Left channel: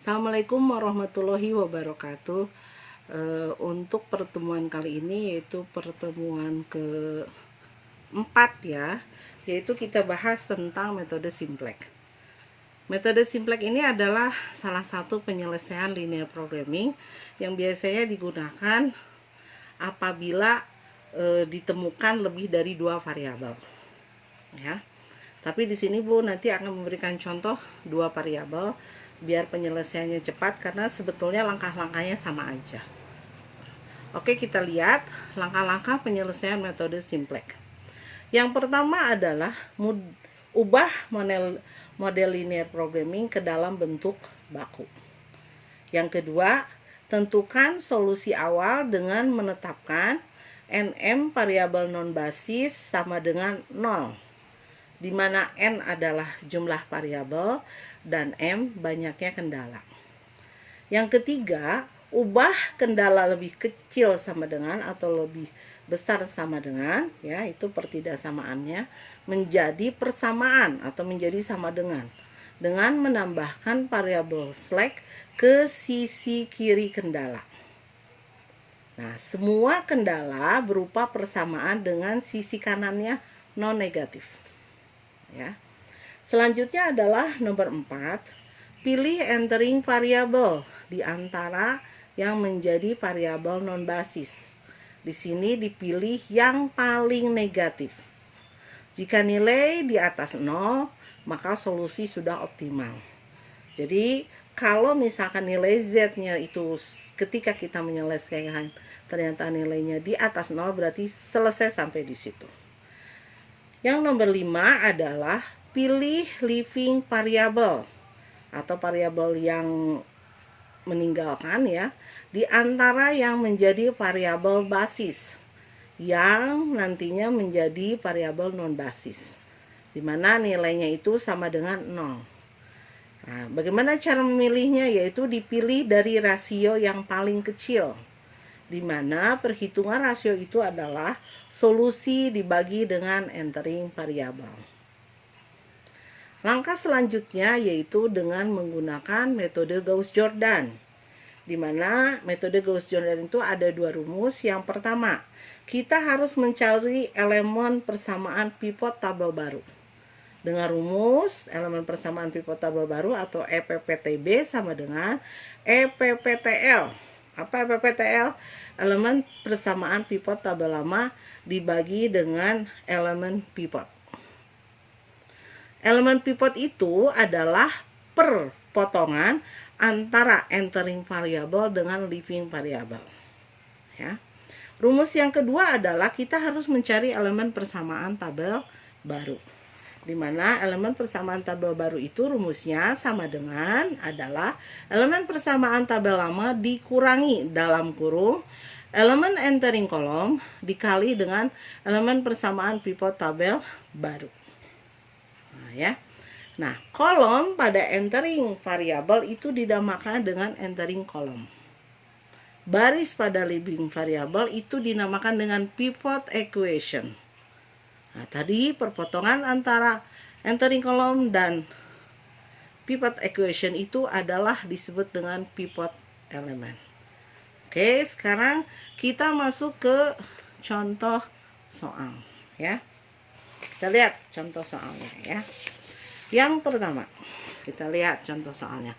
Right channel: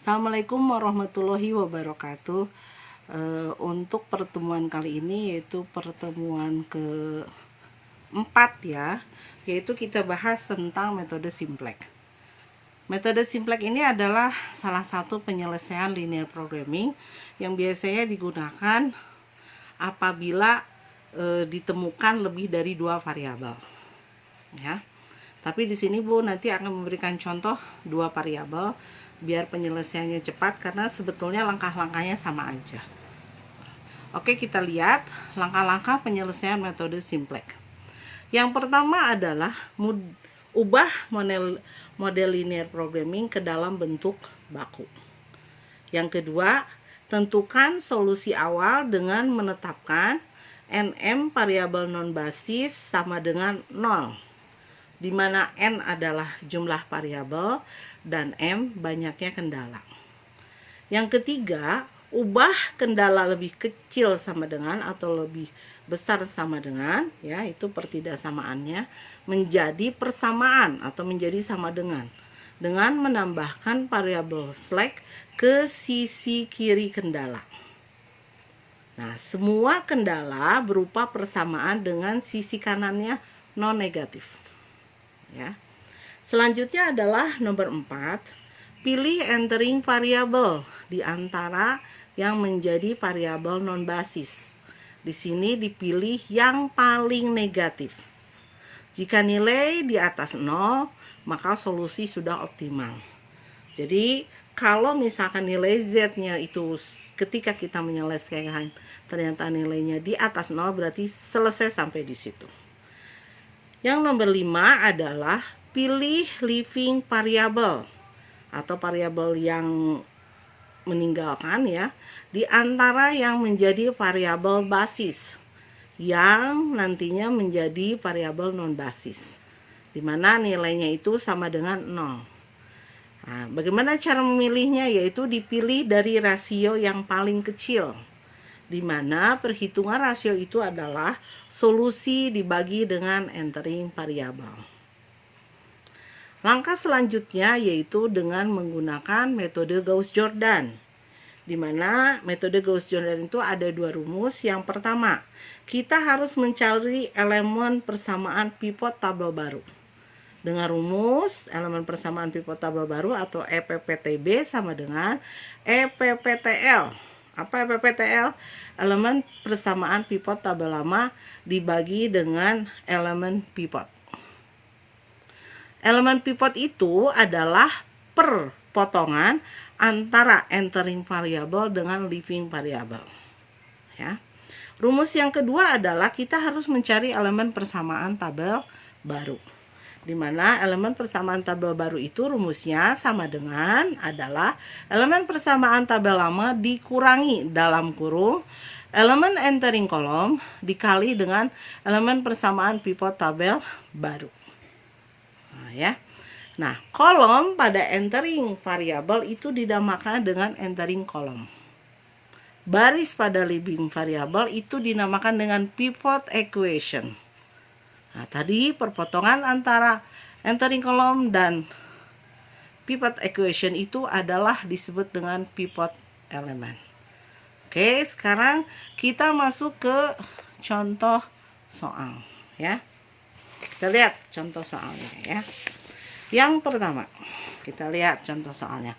Assalamualaikum warahmatullahi wabarakatuh. Untuk pertemuan kali ini yaitu pertemuan keempat ya, yaitu kita bahas tentang metode simplex. Metode simplex ini adalah salah satu penyelesaian linear programming yang biasanya digunakan apabila ditemukan lebih dari 2 variabel. Ya. Tapi di sini Bu nanti akan memberikan contoh 2 variabel biar penyelesaiannya cepat karena sebetulnya langkah-langkahnya sama aja. Oke, kita lihat langkah-langkah penyelesaian metode simplex. Yang pertama adalah ubah model linear programming ke dalam bentuk baku. Yang kedua, tentukan solusi awal dengan menetapkan nm variabel non basis sama dengan 0, di mana n adalah jumlah variabel dan m banyaknya kendala. Yang ketiga, ubah kendala lebih kecil sama dengan atau lebih besar sama dengan, ya itu pertidaksamaannya, menjadi persamaan atau menjadi sama dengan menambahkan variabel slack ke sisi kiri kendala. Nah, semua kendala berupa persamaan dengan sisi kanannya non negatif. Ya. Selanjutnya adalah nomor 4, pilih entering variabel di antara yang menjadi variabel non basis. Di sini dipilih yang paling negatif. Jika nilai di atas 0, maka solusi sudah optimal. Jadi, kalau misalkan nilai Z-nya itu ketika kita menyelesaikan ternyata nilainya di atas 0, berarti selesai sampai di situ. Yang nomor 5 adalah pilih leaving variable atau variabel yang meninggalkan ya, di antara yang menjadi variabel basis yang nantinya menjadi variabel non basis, di mana nilainya itu sama dengan 0. Nah, bagaimana cara memilihnya? Yaitu dipilih dari rasio yang paling kecil, di mana perhitungan rasio itu adalah solusi dibagi dengan entering variabel. Langkah selanjutnya yaitu dengan menggunakan metode Gauss-Jordan, di mana metode Gauss-Jordan itu ada 2 rumus. Yang pertama, kita harus mencari elemen persamaan pivot tabel baru. Dengan rumus elemen persamaan pivot tabel baru atau EPPTB sama dengan EPPTL. Apa EPPTL? Elemen persamaan pivot tabel lama dibagi dengan elemen pivot. Elemen pivot itu adalah perpotongan antara entering variabel dengan leaving variabel. Ya. Rumus yang kedua adalah kita harus mencari elemen persamaan tabel baru, di mana elemen persamaan tabel baru itu rumusnya sama dengan adalah elemen persamaan tabel lama dikurangi dalam kurung elemen entering kolom dikali dengan elemen persamaan pivot tabel baru. Nah, ya. Nah, kolom pada entering variabel itu dinamakan dengan entering kolom. Baris pada leaving variabel itu dinamakan dengan pivot equation. Nah, tadi perpotongan antara entering kolom dan pivot equation itu adalah disebut dengan pivot elemen. Oke, sekarang kita masuk ke contoh soal ya. Kita lihat contoh soalnya ya. Yang pertama, kita lihat contoh soalnya.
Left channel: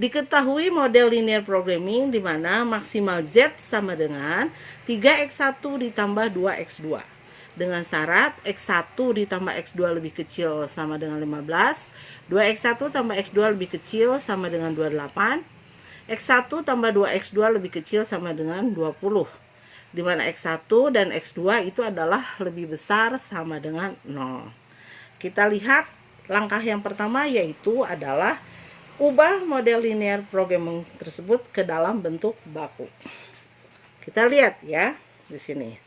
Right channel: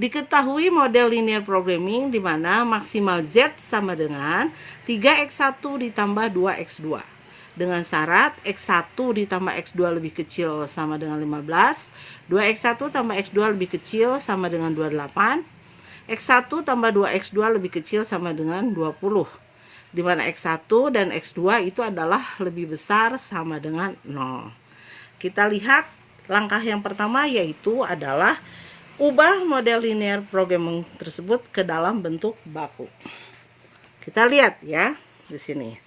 Diketahui model linear programming di mana maksimal Z sama dengan 3x1 ditambah 2x2. Dengan syarat x1 ditambah x2 lebih kecil sama dengan 15, 2x1 tambah x2 lebih kecil sama dengan 28, x1 tambah 2x2 lebih kecil sama dengan 20. Di mana X1 dan X2 itu adalah lebih besar sama dengan 0. Kita lihat langkah yang pertama yaitu adalah ubah model linear programming tersebut ke dalam bentuk baku. Kita lihat ya di sini.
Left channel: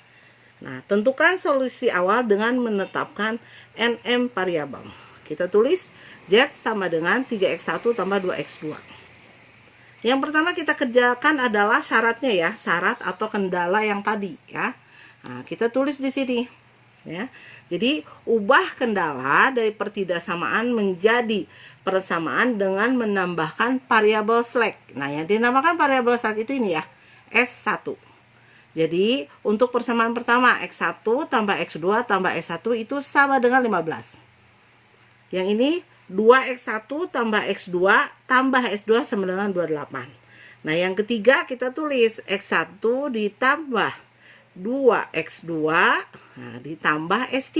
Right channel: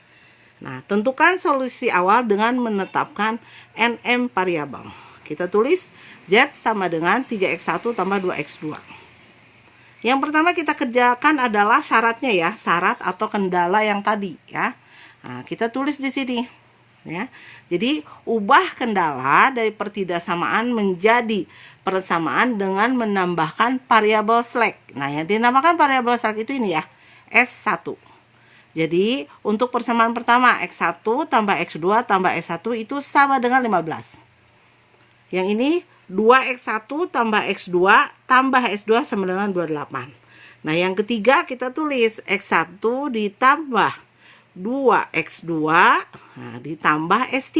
Nah, tentukan solusi awal dengan menetapkan nm variabel. Kita tulis Z sama dengan 3x1 tambah 2x2. Yang pertama kita kerjakan adalah syaratnya ya, syarat atau kendala yang tadi ya. Nah, kita tulis di sini ya. Jadi ubah kendala dari pertidaksamaan menjadi persamaan dengan menambahkan variabel slack. Nah, yang dinamakan variabel slack itu ini ya, S1. Jadi, untuk persamaan pertama, X1 tambah X2 tambah S1 itu sama dengan 15. Yang ini 2X1 tambah X2 tambah S2 sama dengan 28. Nah, yang ketiga kita tulis X1 ditambah 2X2 ditambah S3.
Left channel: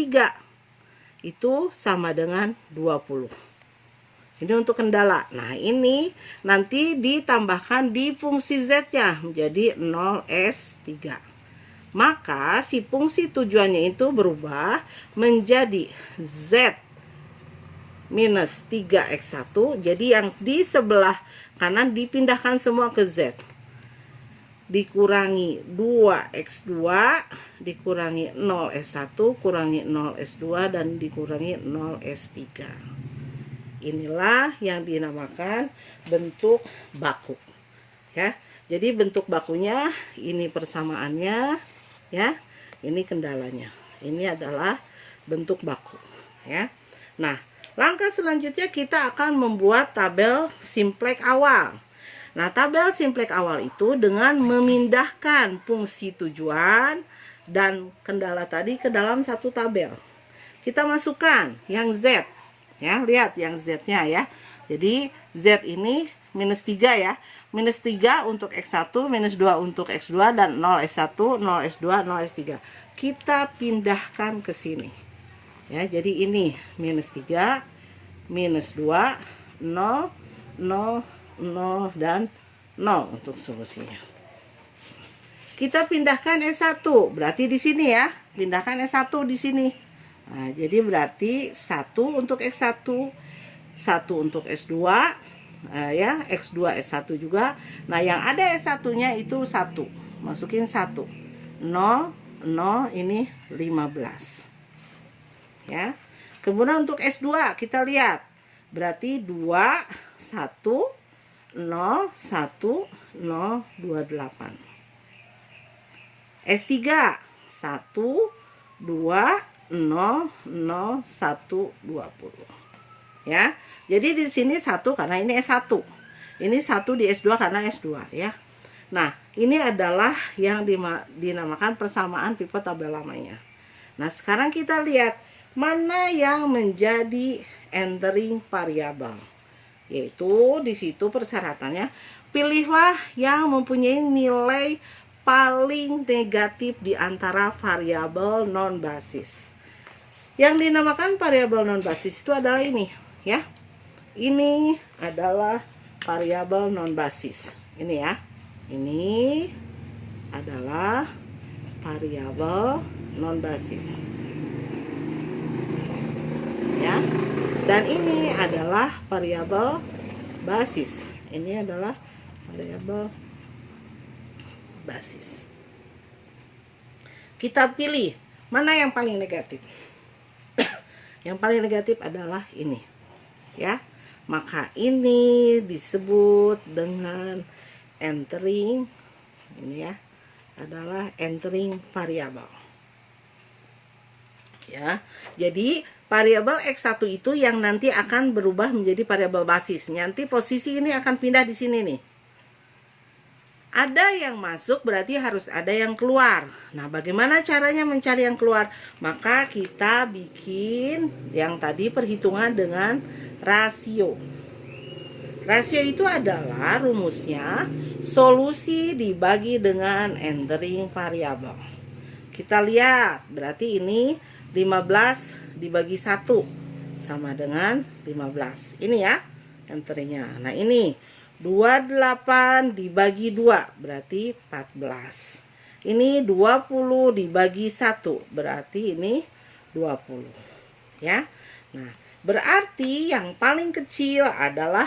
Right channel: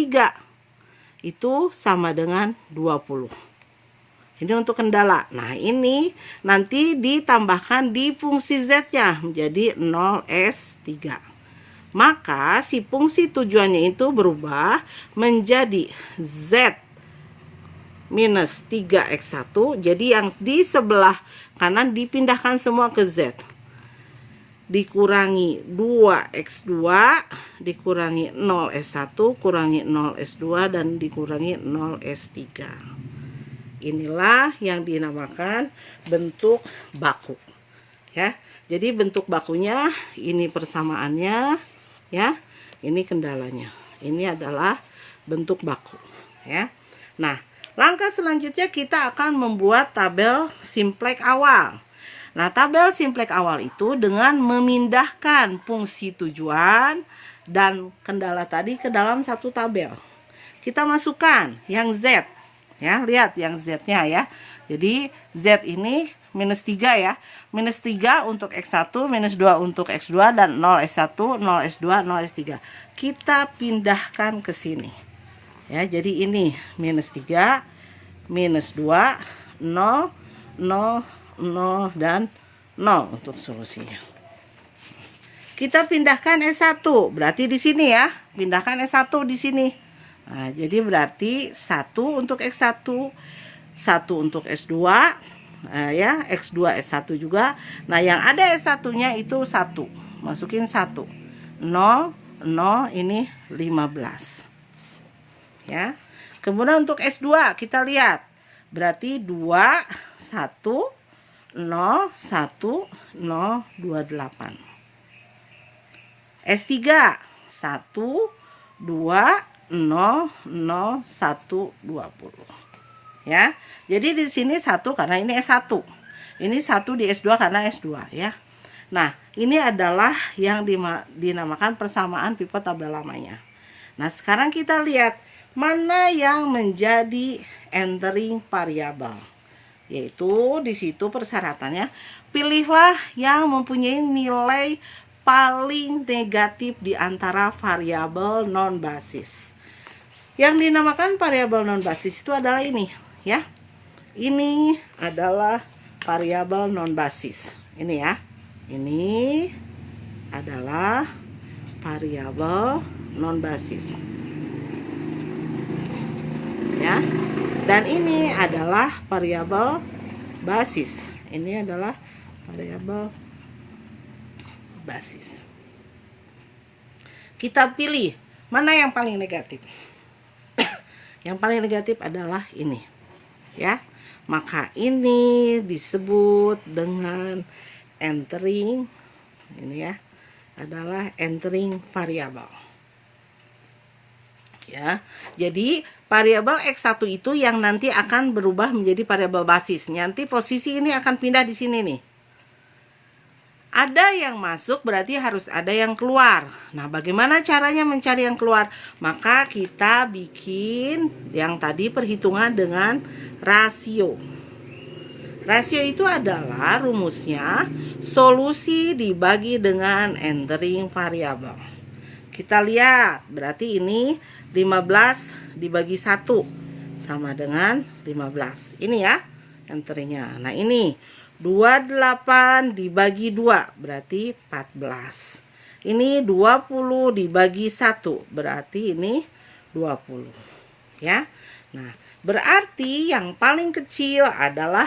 Itu sama dengan 20. Ini untuk kendala. Nah, ini nanti ditambahkan di fungsi Z-nya menjadi 0S3. Maka si fungsi tujuannya itu berubah menjadi Z minus 3X1. Jadi yang di sebelah kanan dipindahkan semua ke Z. Dikurangi 2X2, dikurangi 0S1, kurangi 0S2, dan dikurangi 0S3. Inilah yang dinamakan bentuk baku. Ya. Jadi bentuk bakunya ini persamaannya, ya. Ini kendalanya. Ini adalah bentuk baku, ya. Nah, langkah selanjutnya kita akan membuat tabel simplex awal. Nah, tabel simplex awal itu dengan memindahkan fungsi tujuan dan kendala tadi ke dalam satu tabel. Kita masukkan yang Z. Ya, lihat yang Z-nya ya. Jadi Z ini minus 3 ya. Minus 3 untuk X1, minus 2 untuk X2, dan 0S1, 0S2, 0S3. Kita pindahkan ke sini. Ya, jadi ini minus 3, minus 2, 0, 0, 0, dan 0 untuk solusinya. Kita pindahkan S1, berarti di sini ya. Pindahkan S1 di sini. Nah, jadi berarti 1 untuk X1, 1 untuk S2, ya, X2, S1 juga. Nah, yang ada S1-nya itu 1. Masukin 1. 0, 0, ini 15. Ya. Kemudian untuk S2 kita lihat. Berarti 2, 1, 0, 1, 0, 28. S3 1, 2, 0, 0, 1, 20. Ya. Jadi di sini 1 karena ini S1. Ini 1 di S2 karena S2 ya. Nah, ini adalah yang dinamakan persamaan pivot tabel lamanya. Nah, sekarang kita lihat mana yang menjadi entering variabel. Yaitu di situ persyaratannya pilihlah yang mempunyai nilai paling negatif di antara variabel non basis. Yang dinamakan variabel non basis itu adalah ini, ya. Ini adalah variabel non basis. Ini ya. Ini adalah variabel non basis. Ya. Dan ini adalah variabel basis. Ini adalah variabel basis. Kita pilih mana yang paling negatif. Yang paling negatif adalah ini, ya. Maka ini disebut dengan entering, ini ya, adalah entering variabel. Ya. Jadi variabel X1 itu yang nanti akan berubah menjadi variabel basis. Nanti posisi ini akan pindah di sini nih. Ada yang masuk berarti harus ada yang keluar. Nah, bagaimana caranya mencari yang keluar? Maka kita bikin yang tadi perhitungan dengan rasio. Rasio itu adalah rumusnya solusi dibagi dengan entering variabel. Kita lihat, berarti ini 15 dibagi 1 sama dengan 15. Ini ya enteringnya. Nah, ini 28 dibagi 2 berarti 14. Ini 20 dibagi 1 berarti ini 20. Ya. Nah, berarti yang paling kecil adalah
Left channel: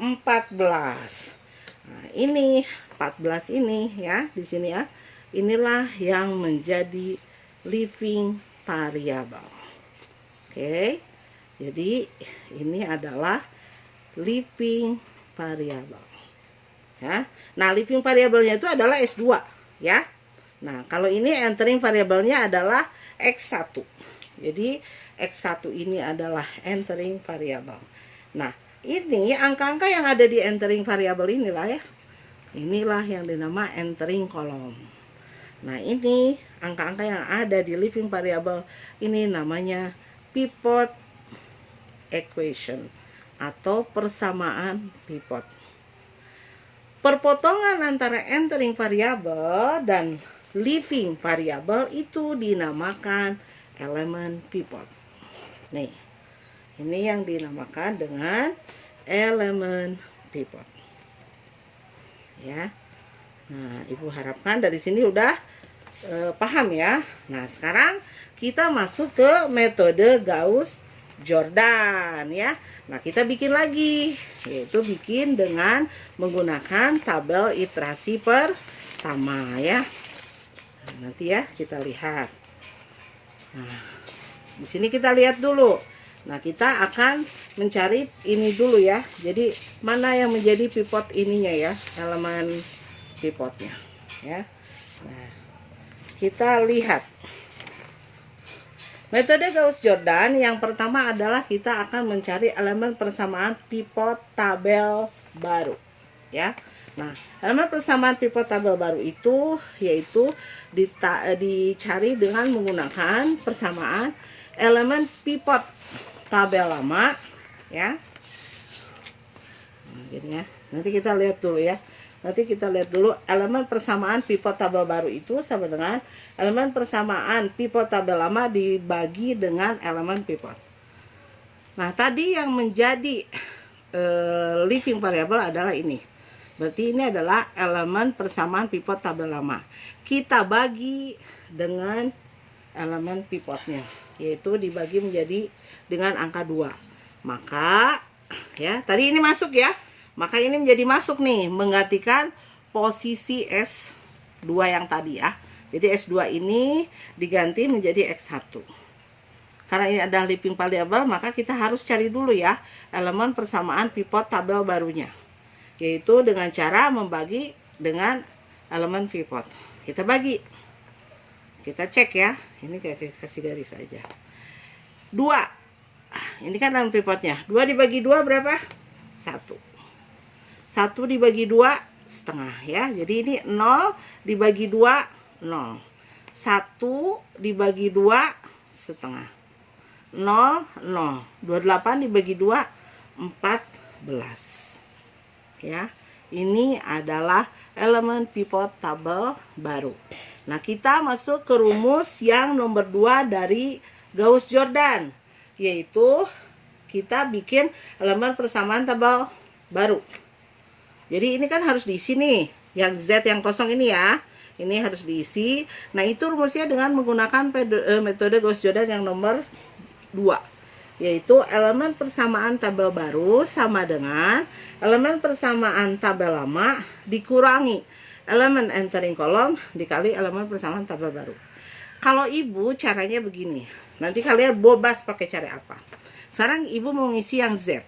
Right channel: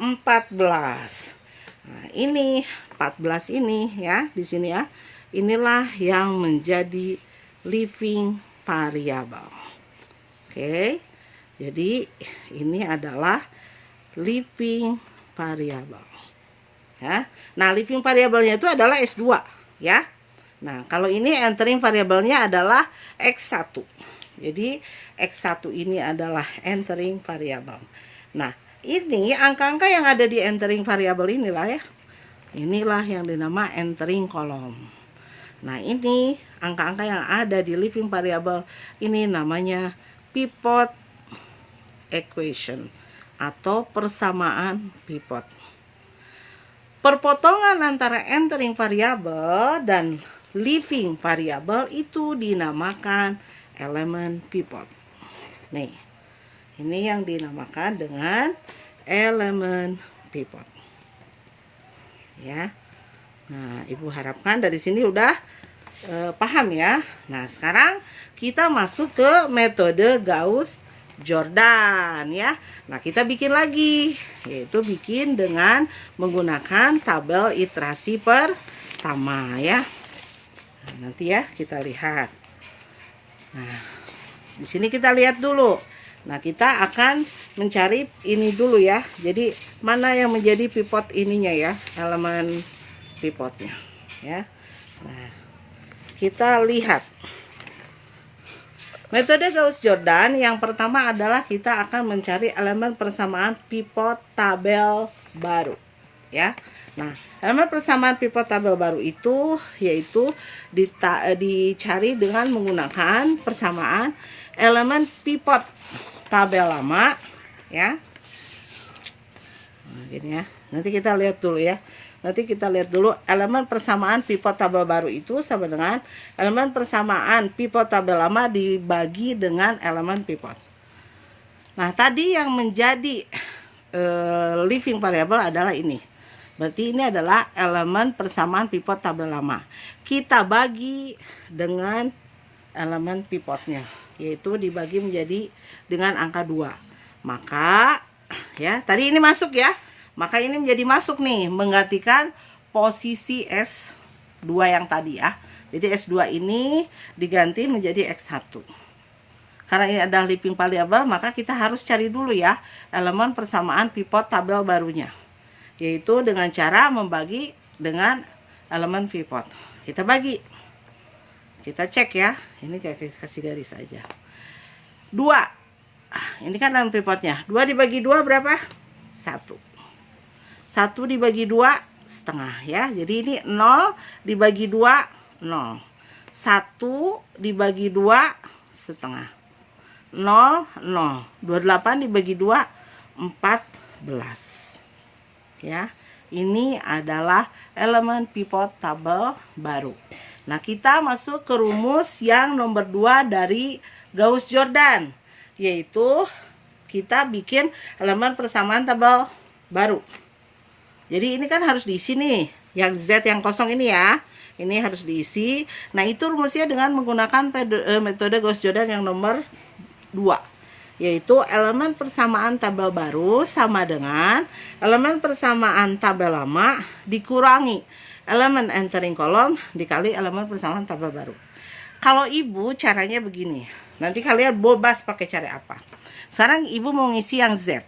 14. Nah, ini 14 ini ya di sini ya. Inilah yang menjadi living variable. Oke. Jadi ini adalah living variabel. Ya. Nah, living variabelnya itu adalah S2, ya. Nah, kalau ini entering variabelnya adalah X1. Jadi X1 ini adalah entering variabel. Nah, Ini angka-angka yang ada di entering variabel inilah ya. Inilah yang dinama entering column. Nah, ini angka-angka yang ada di living variable ini namanya pivot equation atau persamaan pivot. Perpotongan antara entering variable dan living variable itu dinamakan elemen pivot. Nih, ini yang dinamakan dengan elemen pivot. Ya. Nah, Ibu harapkan dari sini udah paham ya. Nah, sekarang kita masuk ke metode Gauss-Jordan ya. Nah, kita bikin lagi, yaitu bikin dengan menggunakan tabel iterasi pertama ya. Nah, nanti ya kita lihat. Nah, di sini kita lihat dulu. Nah, kita akan mencari ini dulu ya. Jadi, mana yang menjadi pivot ininya ya, elemen pivotnya ya. Nah, kita lihat metode Gauss-Jordan. Yang pertama adalah kita akan mencari elemen persamaan pivot tabel baru ya. Nah, elemen persamaan pivot tabel baru itu yaitu dicari dengan menggunakan persamaan elemen pivot tabel lama ya. Nah, gini ya. Nanti kita lihat dulu ya. Nanti kita lihat dulu elemen persamaan pivot tabel baru itu sama dengan elemen persamaan pivot tabel lama dibagi dengan elemen pivot. Nah, tadi yang menjadi living variable adalah ini. Berarti ini adalah elemen persamaan pivot tabel lama. Kita bagi dengan elemen pivotnya, yaitu dibagi menjadi dengan angka 2. Maka ya, tadi ini masuk ya. Maka ini menjadi masuk nih, menggantikan posisi S2 yang tadi ya. Jadi S2 ini diganti menjadi X1. Karena ini adalah living variable, maka kita harus cari dulu ya elemen persamaan pivot tabel barunya. Yaitu dengan cara membagi dengan elemen pivot. Kita bagi. Kita cek ya. Ini kayak kasih garis aja. 2. Ini kan elemen pivotnya. 2 dibagi 2 berapa? 1. 1 dibagi 2 setengah ya. Jadi ini 0 dibagi 2 0. 1 dibagi 2 setengah. 0 0. 28 dibagi 2 14. Ya. Ini adalah elemen pivot tabel baru. Nah, kita masuk ke rumus yang nomor 2 dari Gauss-Jordan, yaitu kita bikin elemen persamaan tabel baru. Jadi ini kan harus diisi nih, yang Z yang kosong ini ya. Ini harus diisi. Nah, itu rumusnya dengan menggunakan metode Gauss-Jordan yang nomor 2. Yaitu elemen persamaan tabel baru sama dengan elemen persamaan tabel lama dikurangi elemen entering column dikali elemen persamaan tabel baru. Kalau Ibu caranya begini. Nanti kalian bebas pakai cara apa. Sekarang Ibu mau ngisi yang Z.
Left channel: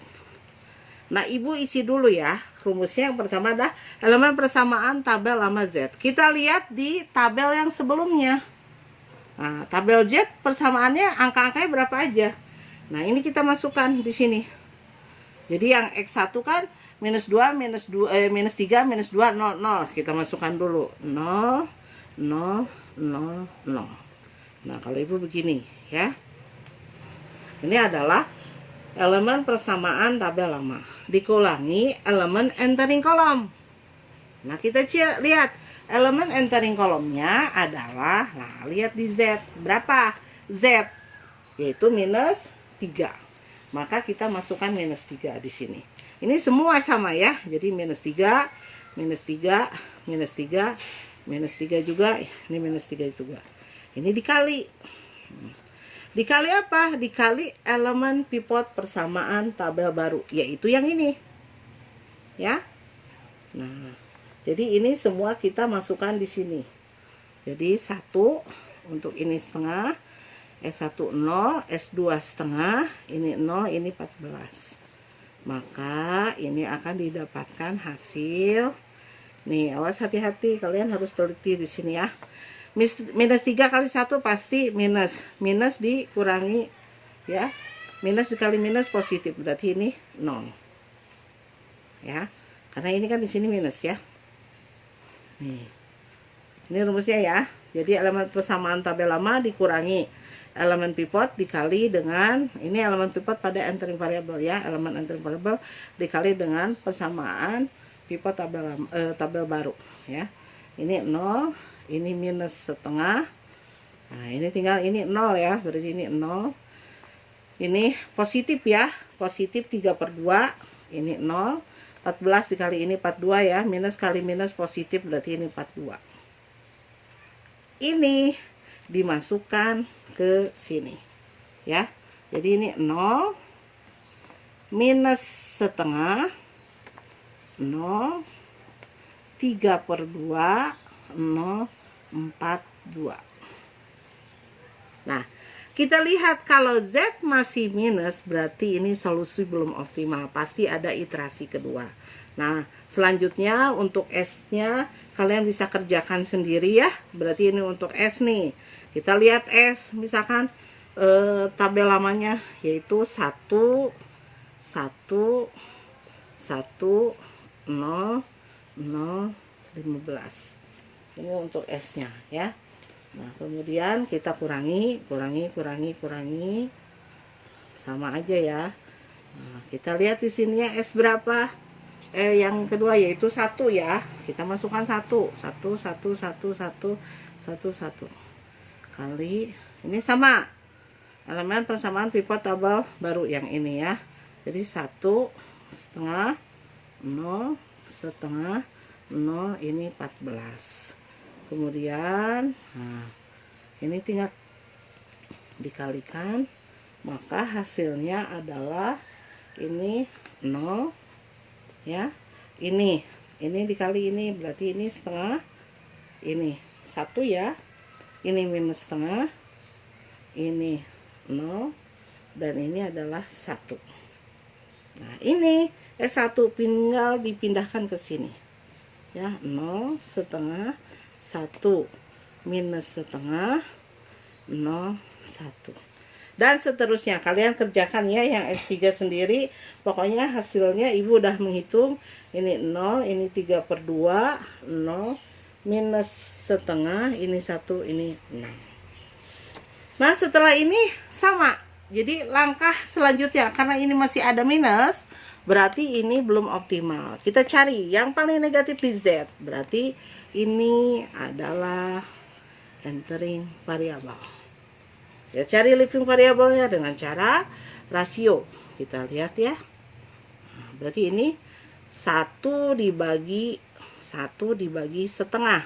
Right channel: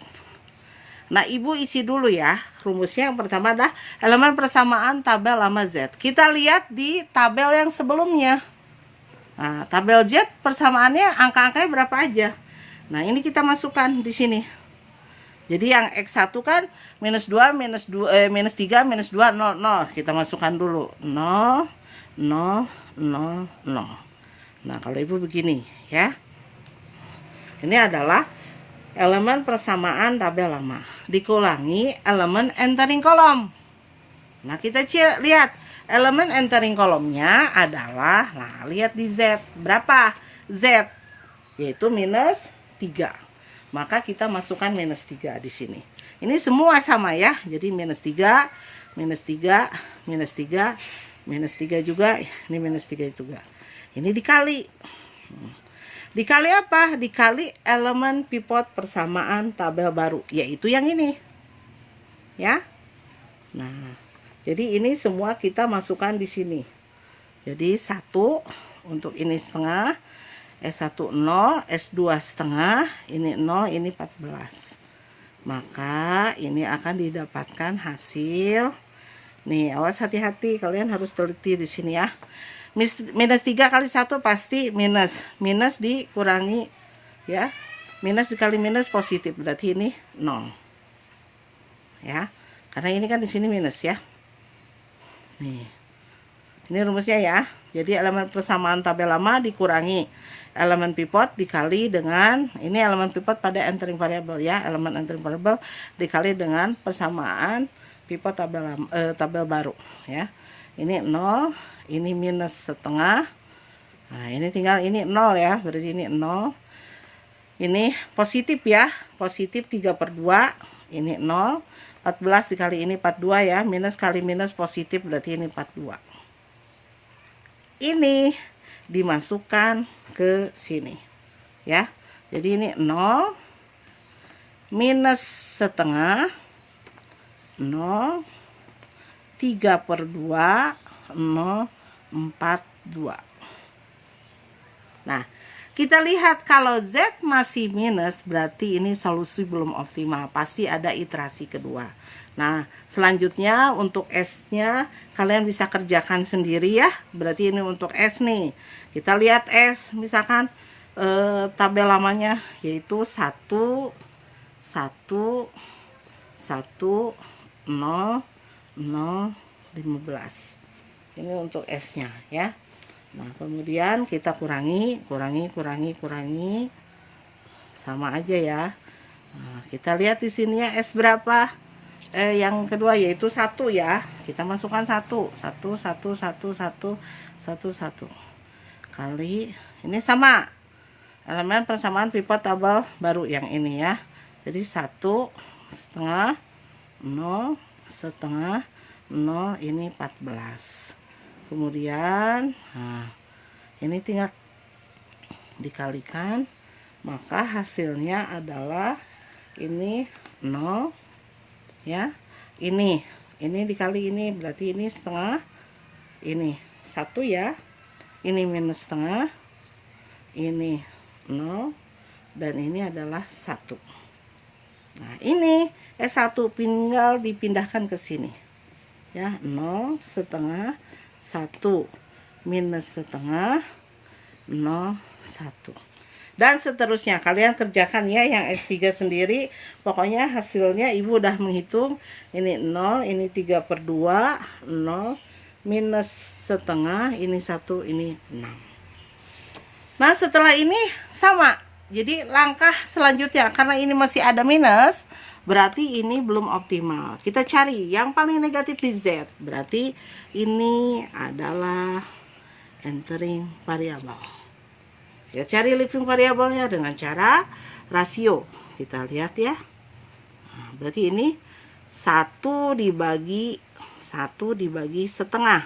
Nah, Ibu isi dulu ya. Rumusnya yang pertama adalah elemen persamaan tabel lama Z. Kita lihat di tabel yang sebelumnya. Nah, tabel Z persamaannya angka-angkanya berapa aja. Nah, ini kita masukkan di sini. Jadi yang X1 kan minus 2, minus 3, minus 2, 0, 0. Kita masukkan dulu. 0, 0, 0, 0. Nah, kalau Ibu begini ya. Ini adalah elemen persamaan tabel lama dikurangi elemen entering column. Nah, kita lihat elemen entering column-nya adalah, nah, lihat di Z. Berapa? Z yaitu minus 3. Maka kita masukkan minus 3 di sini. Ini semua sama ya. Jadi minus 3, minus 3, minus 3, minus 3 juga, ini minus 3 juga. Ini dikali. Dikali apa? Dikali elemen pivot persamaan tabel baru, yaitu yang ini. Ya. Nah, jadi ini semua kita masukkan di sini. Jadi 1 untuk ini setengah, S1 0, S2 setengah, ini 0, ini 14. Maka ini akan didapatkan hasil. Nih, awas hati-hati, kalian harus teliti di sini ya. Minus 3 kali 1 pasti minus. Minus dikurangi ya. Minus dikali minus positif, berarti ini 0. ya. Karena ini kan di sini minus ya. Nih. Ini rumusnya ya. Jadi elemen persamaan tabel lama dikurangi elemen pivot dikali dengan ini elemen pivot pada entering variable ya. Elemen entering variable dikali dengan persamaan pivot tabel baru ya. Ini 0, ini minus setengah. Nah, ini tinggal ini 0 ya. Berarti ini 0. Ini positif ya. Positif 3/2. Ini 0. 14 dikali ini 42 ya. Minus kali minus positif berarti ini 42. Ini dimasukkan ke sini ya. Jadi ini 0 minus setengah 0 3/2 0 4/2. Nah, kita lihat kalau Z masih minus berarti ini solusi belum optimal, pasti ada iterasi kedua. Nah, selanjutnya untuk S-nya kalian bisa kerjakan sendiri ya. Berarti ini untuk S nih. Kita lihat S, misalkan tabel lamanya yaitu 1 1 1 0 0 15. Ini untuk S-nya ya. Nah, kemudian kita kurangi sama aja ya. Nah, kita lihat di sini ya S berapa? Yang kedua yaitu 1 ya. Kita masukkan 1 kali ini sama elemen persamaan pivot tabel baru yang ini ya. Jadi 1 setengah 0 setengah 0 ini 14. Kemudian nah, ini tinggal dikalikan, maka hasilnya adalah ini 0 ya. Ini dikali ini berarti ini setengah, ini 1 ya. Ini minus setengah, ini 0 dan ini adalah 1. Nah, ini S1 tinggal dipindahkan ke sini ya. 0 setengah 1 minus setengah 0 1 dan seterusnya. Kalian kerjakan ya yang S3 sendiri. Pokoknya hasilnya ibu udah menghitung. Ini 0, ini 3/2 0 minus setengah, ini 1, ini 6. Nah, setelah ini sama. Jadi langkah selanjutnya, karena ini masih ada minus, berarti ini belum optimal. Kita cari yang paling negatif di Z. Berarti ini adalah entering variable. Ya, cari living variabelnya dengan cara rasio. Kita lihat ya. Nah, berarti ini 1 dibagi setengah.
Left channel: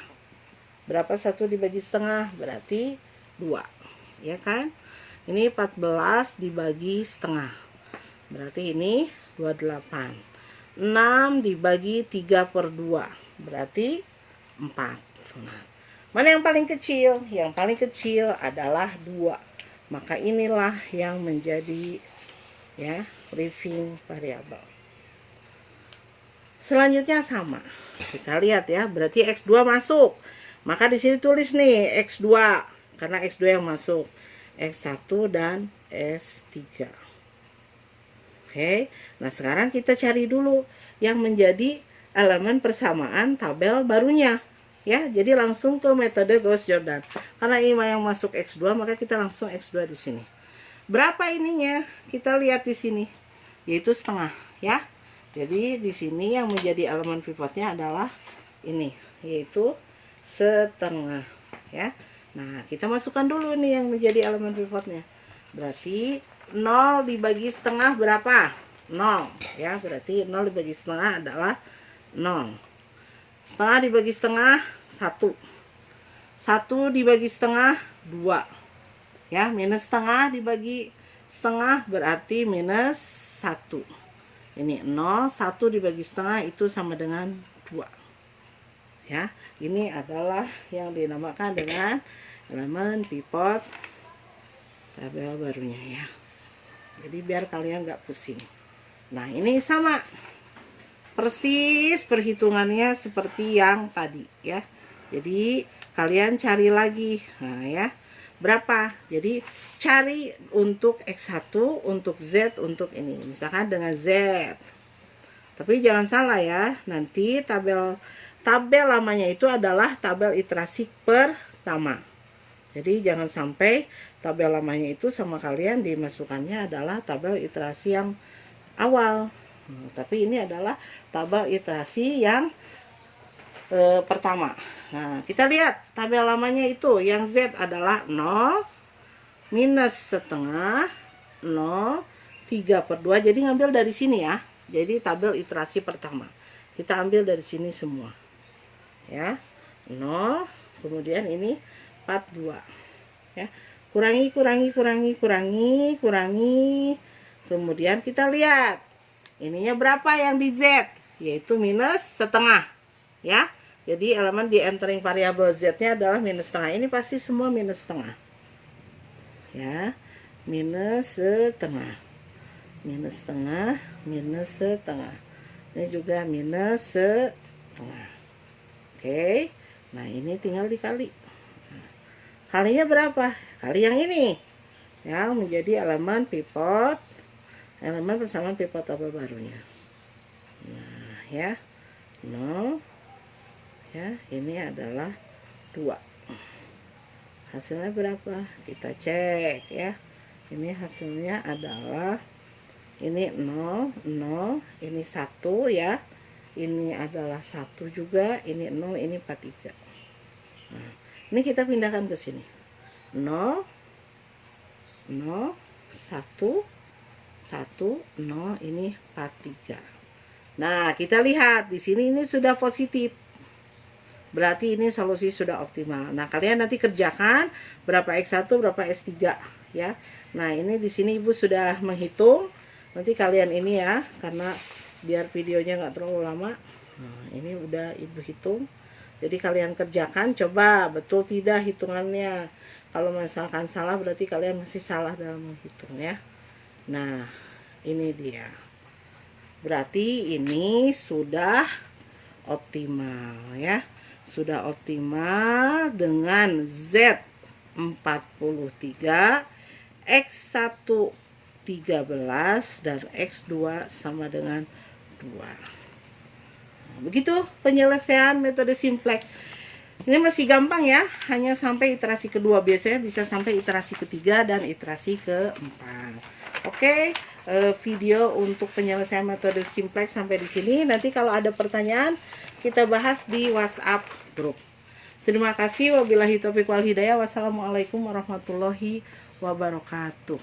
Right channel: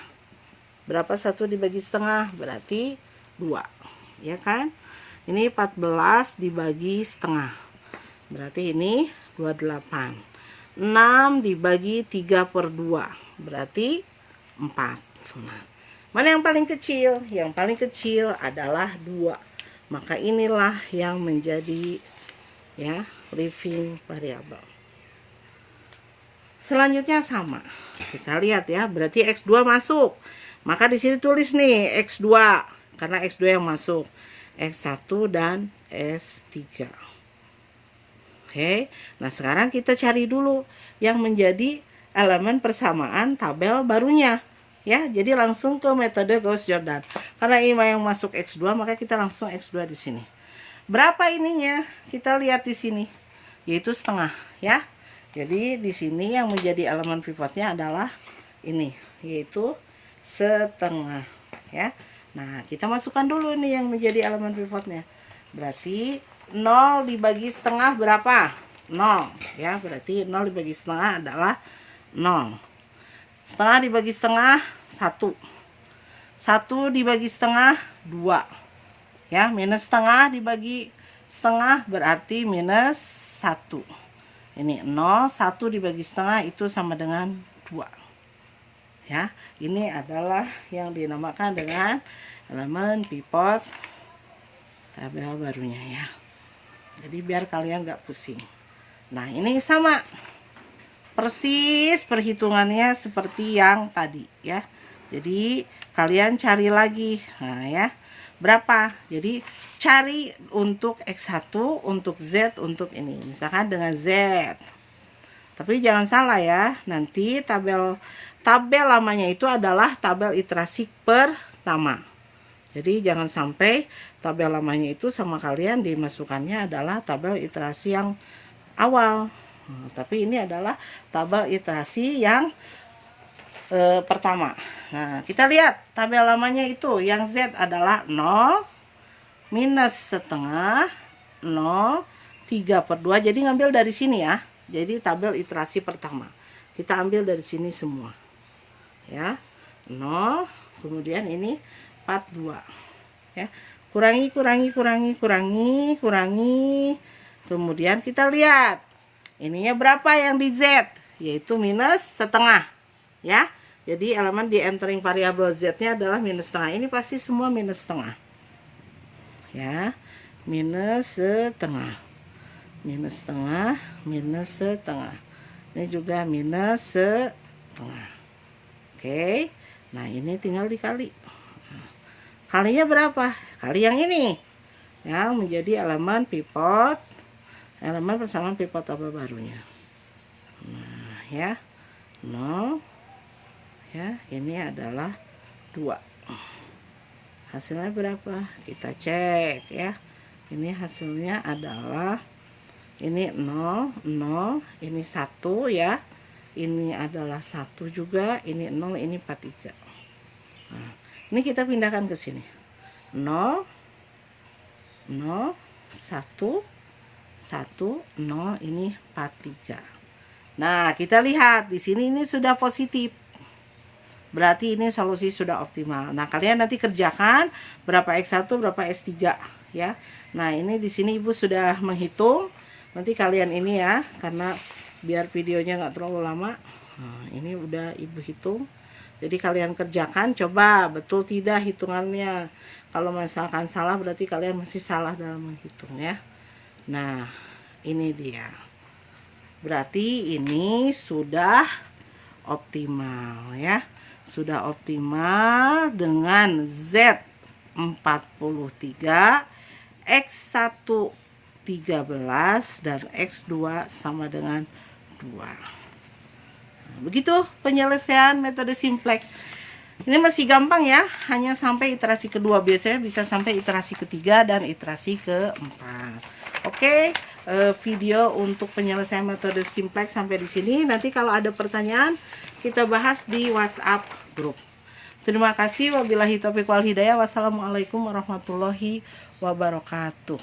Berapa 1 dibagi setengah? Berarti 2. Ya kan? Ini 14 dibagi setengah. Berarti ini 28. 6 dibagi 3/2. Berarti 4. Nah, mana yang paling kecil? Yang paling kecil adalah 2. Maka inilah yang menjadi ya living variable. Selanjutnya sama. Kita lihat ya, berarti X2 masuk. Maka di sini tulis nih X2 karena X2 yang masuk. X1 dan S3. Oke. Nah, sekarang kita cari dulu yang menjadi elemen persamaan tabel barunya. Ya, jadi langsung ke metode Gauss-Jordan. Karena ini yang masuk X2, maka kita langsung X2 di sini. Berapa ininya? Kita lihat di sini, yaitu setengah, ya. Jadi di sini yang menjadi elemen pivotnya adalah ini, yaitu setengah, ya. Nah, kita masukkan dulu nih yang menjadi elemen pivotnya. Berarti 0 dibagi setengah berapa? 0, ya. Berarti 0 dibagi setengah adalah 0. Setengah dibagi setengah 1. 1 dibagi setengah 2. Ya, minus setengah dibagi setengah berarti minus 1. Ini 0, 1 dibagi setengah itu sama dengan 2. Ya, ini adalah yang dinamakan dengan elemen pivot tabel barunya ya. Jadi biar kalian nggak pusing. Nah, ini sama. Persis perhitungannya seperti yang tadi ya. Jadi kalian cari lagi. Nah ya, berapa? Jadi cari untuk X1, untuk Z, untuk ini. Misalkan dengan Z Tapi jangan salah ya, nanti tabel lamanya itu adalah tabel iterasi pertama. Jadi jangan sampai tabel lamanya itu sama kalian dimasukkannya adalah tabel iterasi yang awal. Tapi ini adalah tabel iterasi yang pertama. Nah, kita lihat tabel lamanya itu yang Z adalah 0, minus setengah, 0, 3/2. Jadi ngambil dari sini ya. Jadi tabel iterasi pertama. Kita ambil dari sini semua. Ya. 0, kemudian ini 42. Ya. Kurangi. Kemudian kita lihat. Ininya berapa yang di Z? Yaitu minus setengah. Ya. Jadi elemen di entering variabel Z-nya adalah minus setengah. Ini pasti semua minus setengah. Ya. Minus setengah. Ini juga minus setengah. Oke. Nah, ini tinggal dikali. Kalinya berapa? Kali yang ini. Yang menjadi elemen pivot. Elemen persamaan pivot tabel barunya. Nah, ya. 0. Ya, ini adalah 2. Hasilnya berapa? Kita cek ya. Ini hasilnya adalah ini 0, 0, ini 1 ya. Ini adalah 1 juga, ini 0, ini 43. Nah, ini kita pindahkan ke sini. 0, 0, 1, 1, 0, ini 43. Nah, kita lihat di sini ini sudah positif. Berarti ini solusi sudah optimal. Nah, kalian nanti kerjakan berapa X1, berapa S3 ya. Nah, ini di sini Ibu sudah menghitung. Nanti kalian ini ya, karena biar videonya nggak terlalu lama. Nah, ini udah Ibu hitung. Jadi kalian kerjakan, coba betul tidak hitungannya. Kalau misalkan salah berarti kalian masih salah dalam menghitung ya. Nah, ini dia. Berarti ini sudah optimal ya. Sudah optimal dengan Z 43, X1 13 dan X2 sama dengan 2. Begitu penyelesaian metode simplex. Ini masih gampang ya, hanya sampai iterasi kedua. Biasanya bisa sampai iterasi ketiga dan iterasi keempat. Oke, video untuk penyelesaian metode simplex sampai di sini. Nanti kalau ada pertanyaan kita bahas di WhatsApp grup. Terima kasih. Wabillahi taufiq wal hidayah. Wassalamualaikum warahmatullahi wabarakatuh.